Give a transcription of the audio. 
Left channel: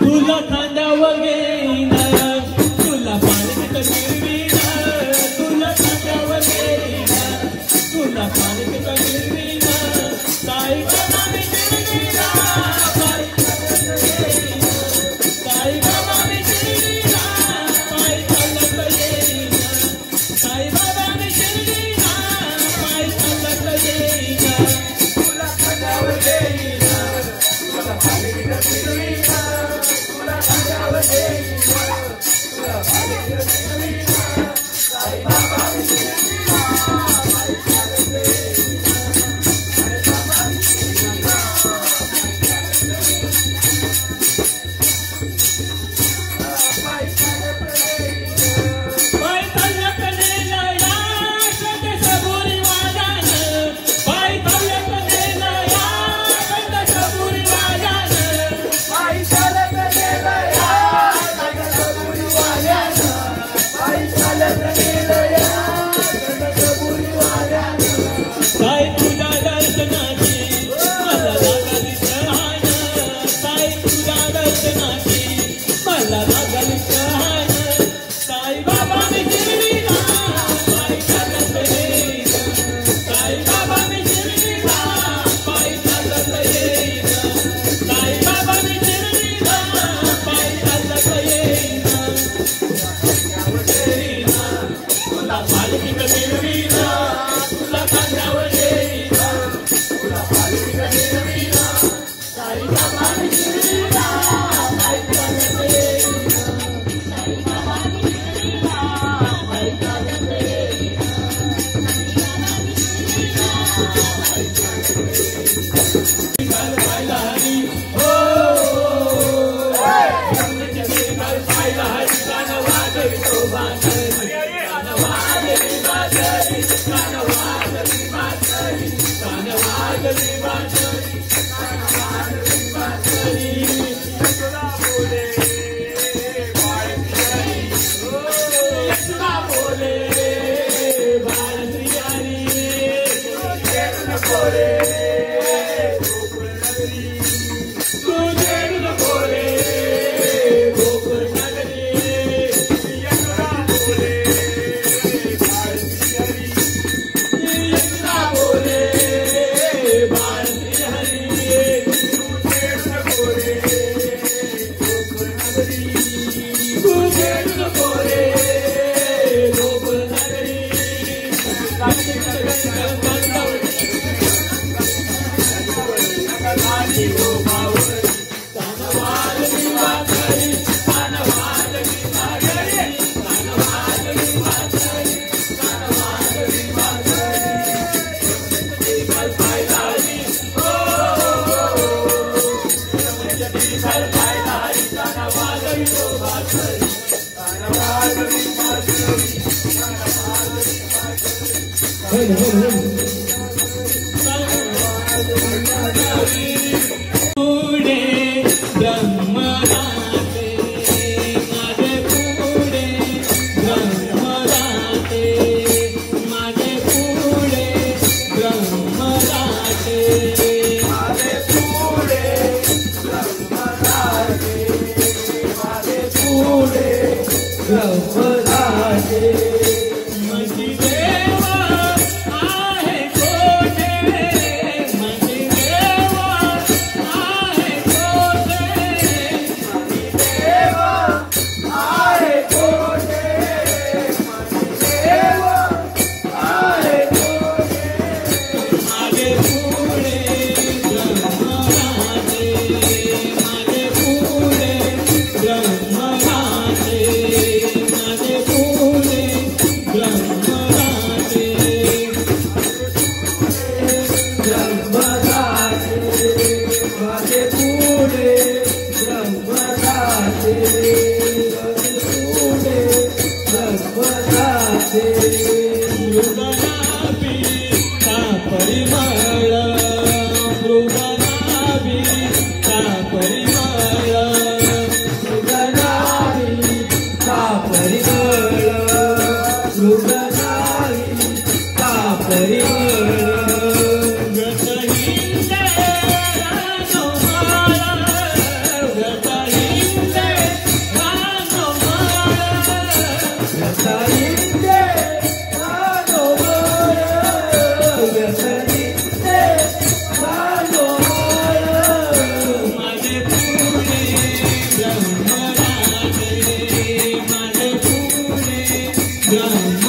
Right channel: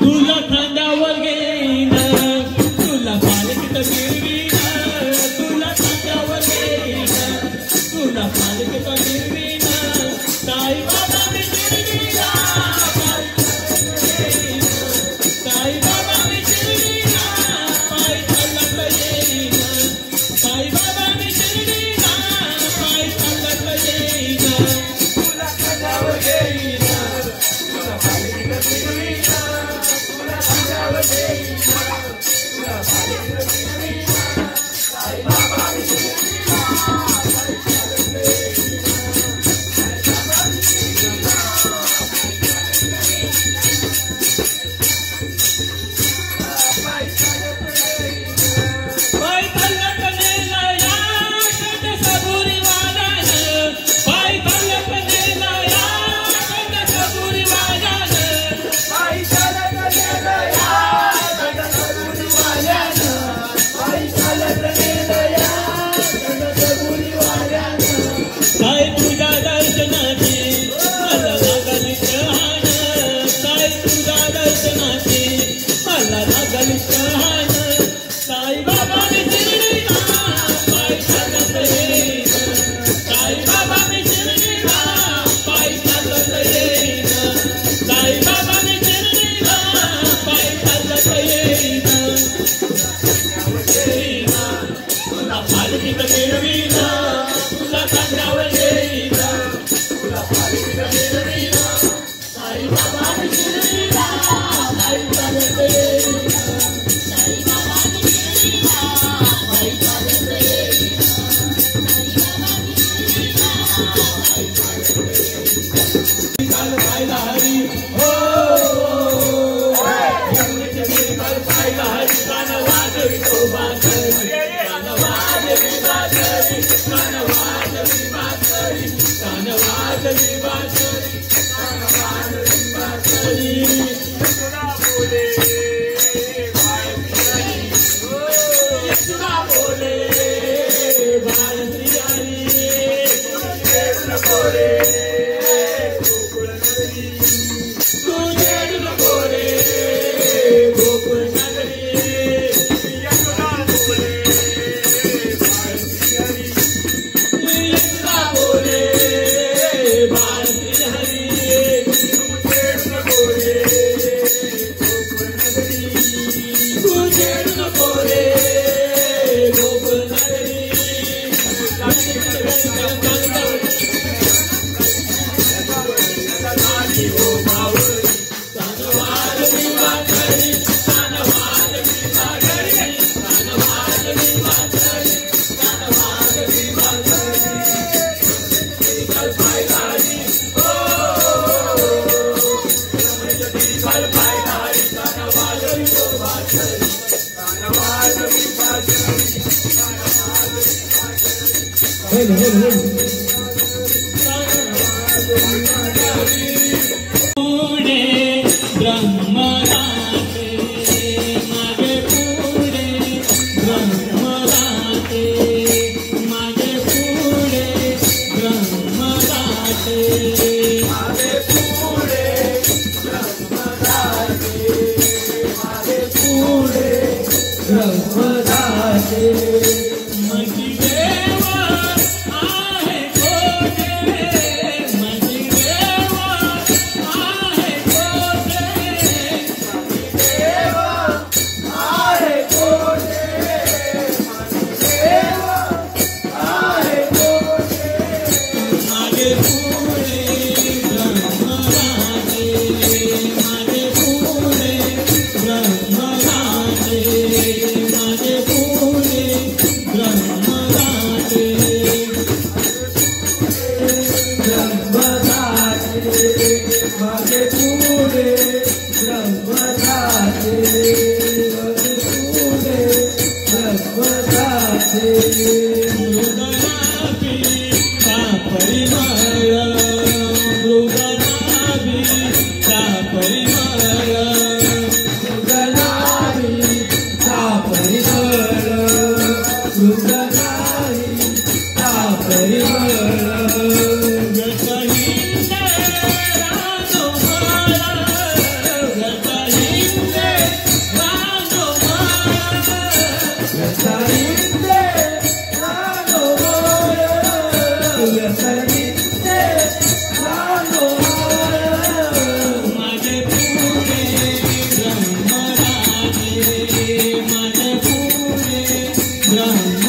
तुला खांद्यावर घेईन तुला पालखीत फिरवीन तुला खांद्यावर घेईन तुला पालखीत फिरवीन साई बाबा मी शिर्डीला साई बाबा मी शिर्डीला पायी चालत येईन साई बाबा मी शिर्डीला पायी चालत येईन तुला खांद्यावर घेईन तुला पालखीत फिरवीन तुला खांद्यावर घेईन तुला पालखीत फिरवीन साई बाबा मी शिर्डीला पायी चालत येईन साई तुझ्या दर्शनाची मला लागल तहान साई तुझ्या दर्शनाची मला लागल तहान साई बाबा मी शिर्डीला पायी चालत येईन साई बाबा मी शिर्डीला पायी चालत येईन साई बाबा मी शिर्डीला पायी चालत येईन तुला पालखीत फिरवीन तुला खांद्यावर घेईन तुला पालखीत फिरवीन साई बाबा मी शिर्डीला पायी चालत येईन साई बाबा मी शिर्डीला पायी चालत येईन विठ्ठल पाहिला हरी हो विठ्ठल पाहिला हरी कान वाजवितो बासरी कान वाजवी बासरी कान वाजवी बासरी कान वाजवी बासरी कान वाजवी बासरी यशोदा बोले बाळश्री हो यशोदा बोले बाळश्री तुझे बोले गोकुळ नगरी तुझे बोले गोकुळ नगरी यशोदा बोले बाळश्री यशोदा बोले बाळश्री हरी तुझे बोले गोकुळ नगरी तुझे बोले गोकुळ नगरी पुढे ब्रह्मराते माझे पुढे ब्रह्मराते माझे पुढे ब्रह्मराते माझे पुढे ब्रह्मराते माझे पुढे ब्रह्मराते माझी देवा आहे कोठे माझी देवा आहे कोठे माझी देवा आहे कोठे माझी देवा आहे कोठे माझे पुढे ब्रह्मराते माझे पुढे ब्रह्मराते माझे पुढे ब्रह्मराते माझे पुढे ब्रह्मराते ब्रह्मराते मृगनाभी का परिमळ मृगनाभी का परिमळ मृगनाभी का परिमळ मृगनाभी का परिमळ जतहिंद राजमाळ जतहिंद ब्राह्मण